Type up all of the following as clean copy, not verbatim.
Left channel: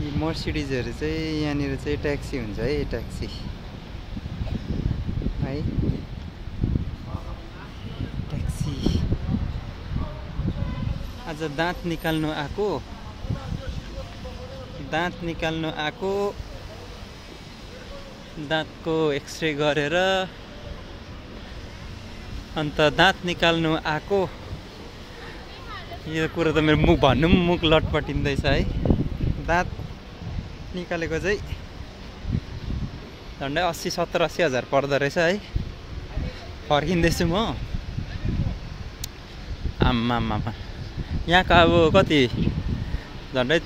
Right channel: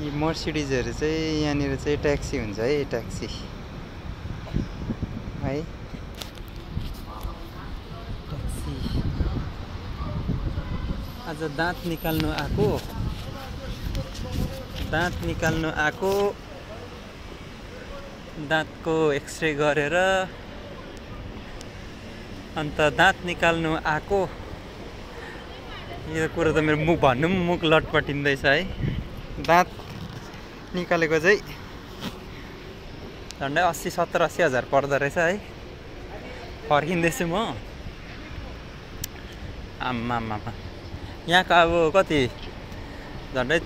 यी मर्सिडिजहरु चाहिँ यहाँनिर चाहिँ ट्याक्सी हुन्छ है, ट्याक्सी है, ट्याक्सी। आज दाँत निकाल्नु आको, दाँतको एक्सरे गरेर अन्त दाँत निकाल्नु आको। यो कुरो त मेरो मुख भन्नु पनि मुख लटपटिँदैछ है। दाँत निकालेको चाहिँ झन्डै 70-80 हजार पर्दो रहेछ है। फर्किँदैछु म। आम्मामा, यहाँको अब कति झन्डै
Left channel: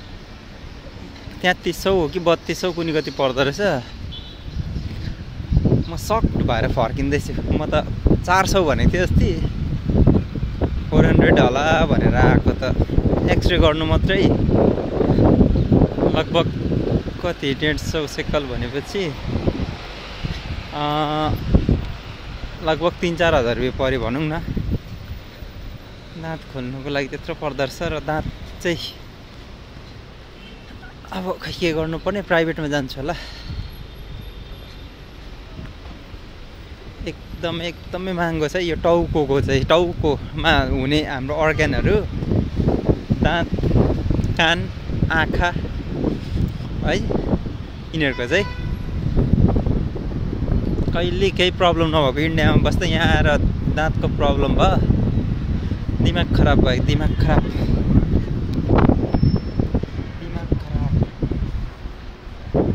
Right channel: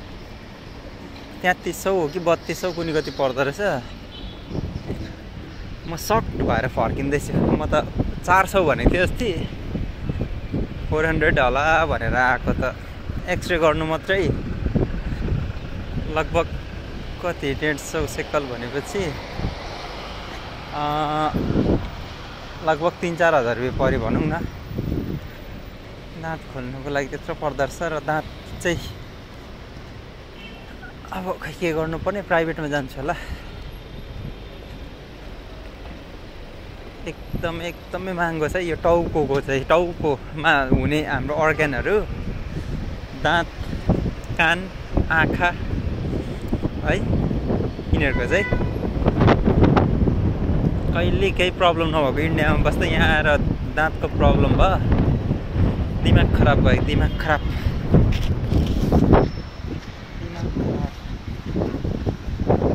3300 हो कि 3200 कुनै कति पर्दो रहेछ। म सक्ट भएर फर्किँदैछु। म त 400 भनेको थिएँ अस्ति, 400 होला भनेर आएको त। एक्सरे गर्नु मात्रै लगभग कति 150 सेकल भनेपछि लगभग 3-4 हजार रुपियाँ पऱ्यो भनौँ न। दाँत खोल्नुको लागि त्यत्रो पर्दो रहेछ। र दाँत चाहिँ अब खै के गर्नुपर्ने, प्राइभेटमा जान्छु होला। एकदमै महँगो छ यो टाउको चाहिँ। टाउकोमा हुने हाम्रो अर्ग्यानहरू, दाँत, कान, आँखा है, यिनीहरूको चाहिँ कहिले केही प्रब्लम नभएको इन्डियामा बस्दा यहाँ आएर दाँतको प्रब्लम भयो, दिमाग खराब भयो। दिमाग खराब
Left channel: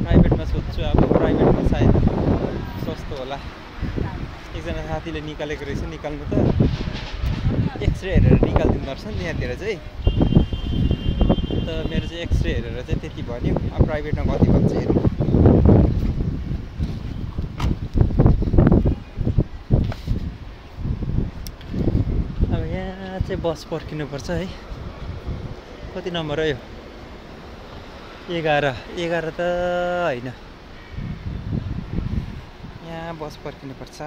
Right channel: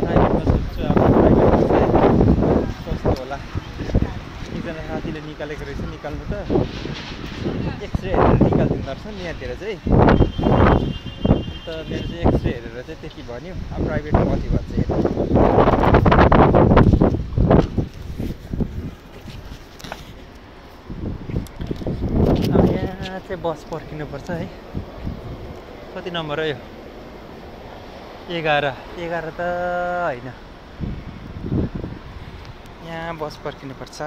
प्राइभेटमा सोध्छु। अब प्राइभेटमा चाहिँ सस्तो होला। एकजना साथीले निकालेको रहेछ, निकाल्नु त एक्सरे हेरेर निकालिदिँदो रहेछ नि यहाँतिर चाहिँ। त मेरो चाहिँ एक्सरे हेरेर चाहिँ त्यति भन्यो। अब प्राइभेटमा कति भन्छ हेर्नु। अब यहाँ चाहिँ बस पर्खिनुपर्छ है। कति नम्बर हो यो? 11 त होइन, यहाँ बस पर्खिनुपर्छ।